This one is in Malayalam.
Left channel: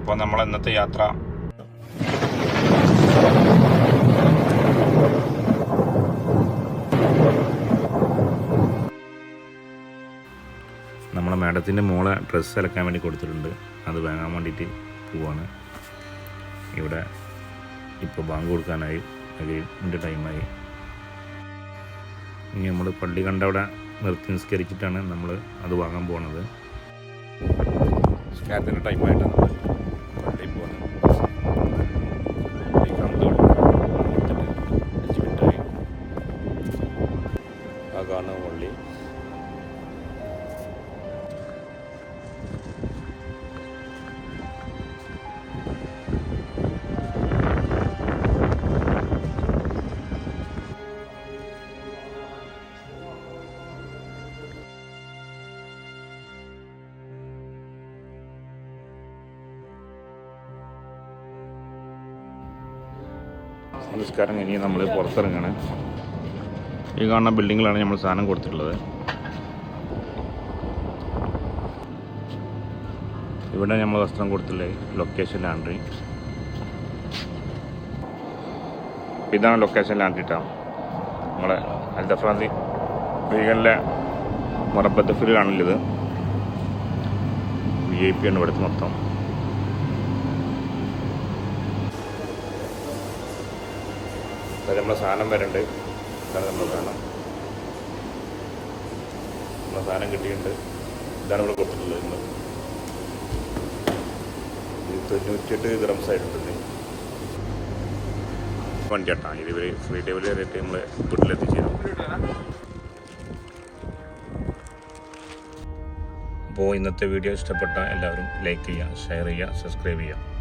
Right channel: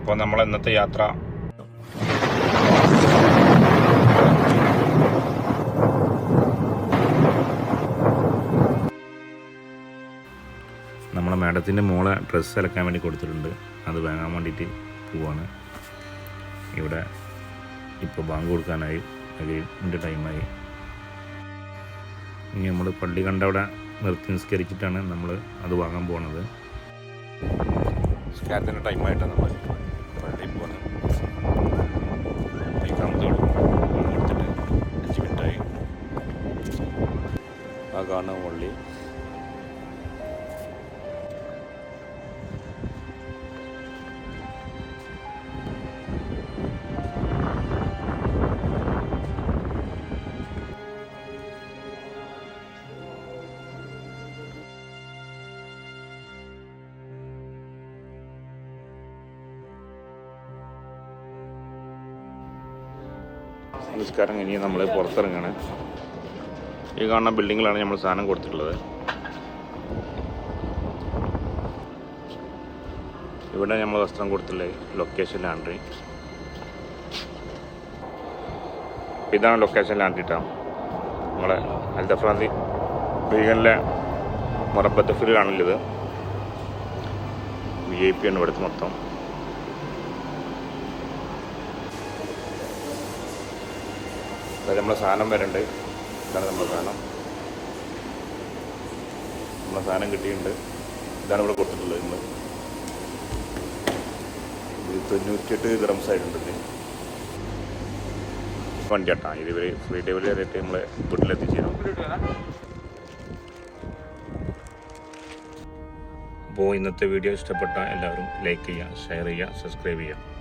അപ്പോൾ നമ്മൾ ഇന്നത്തെ യാത്ര നമ്മളെ മാഡത്തിൻ്റെ മോളെ ഡ്രസ്സ് അലക്കാൻ വേണ്ടി കൊടുത്തിട്ടുണ്ട്. അത് വാങ്ങാൻ വേണ്ടിയിട്ട് പോവാണ്. ഇവിടെ ഇപ്പോൾ ബാങ്ക് കൊടുക്കാനായി, അതിൻ്റെ ടൈമായി. ഇനി നമ്മൾ പള്ളി കണ്ട അവിടെ നിർത്തി നിസ്കരിച്ചിട്ടാണ് നമ്മൾ അത് വാങ്ങാൻ പോകുന്നത്. സ്കാറ്റിൻ്റെ ടൈമായിട്ടാണ് നമ്മൾ പള്ളിയിൽ പോകുന്നത്. എടുത്തിട്ട് 5 മിനിറ്റായി. ആ കാണുന്ന പള്ളി. നമ്മൾ പുറത്തിറങ്ങണം. ഈ കാണുന്ന ബിൽഡിങ്ങിലാണ് നമ്മൾ സാധനം കൊടുത്തിട്ടുള്ളത്. ഇവിടെ നമ്മൾ വസ്ത്രം കൊടുത്തിട്ടുള്ളത് ലൊക്കേഷൻ ലാൻഡ്രി. ഇതാണ് ലൊക്കേഷൻ ലാൻഡ്രിട്ടാണ്. നമ്മൾ ഹൈദരാബാദി ബീഗലിലെ മുറപ്പത്തിഫിലാണുള്ളത്. VIP ആണ് ഇവിടുത്തെ മൊത്തം. നമ്മളെ സാധനം വരുന്നുണ്ട്. ഇതാണ് നമ്മളെ സാധനം. നമ്മളെ സാധനം കിട്ടിയിട്ടുണ്ട്. ഇതാണ് ഇവിടെ കൊടുത്തിട്ടുള്ളത്. ഇന്ന് 98 ദിറംസ് ആയിട്ടുണ്ട്. വണ്ടി കേട്ടാ. ഇത് ഫ്രീ ഡെലിവറി ആയിട്ട് നമ്മൾ വീട്ടിലെത്തിച്ചേരും. അപ്പോൾ ഇന്നത്തെ വീഡിയോ ഇഷ്ടപ്പെട്ട എല്ലാവരും ലൈക്ക് ചെയ്യുക, ഷെയർ ചെയ്യുക, സബ്സ്ക്രൈബ് ചെയ്യുക.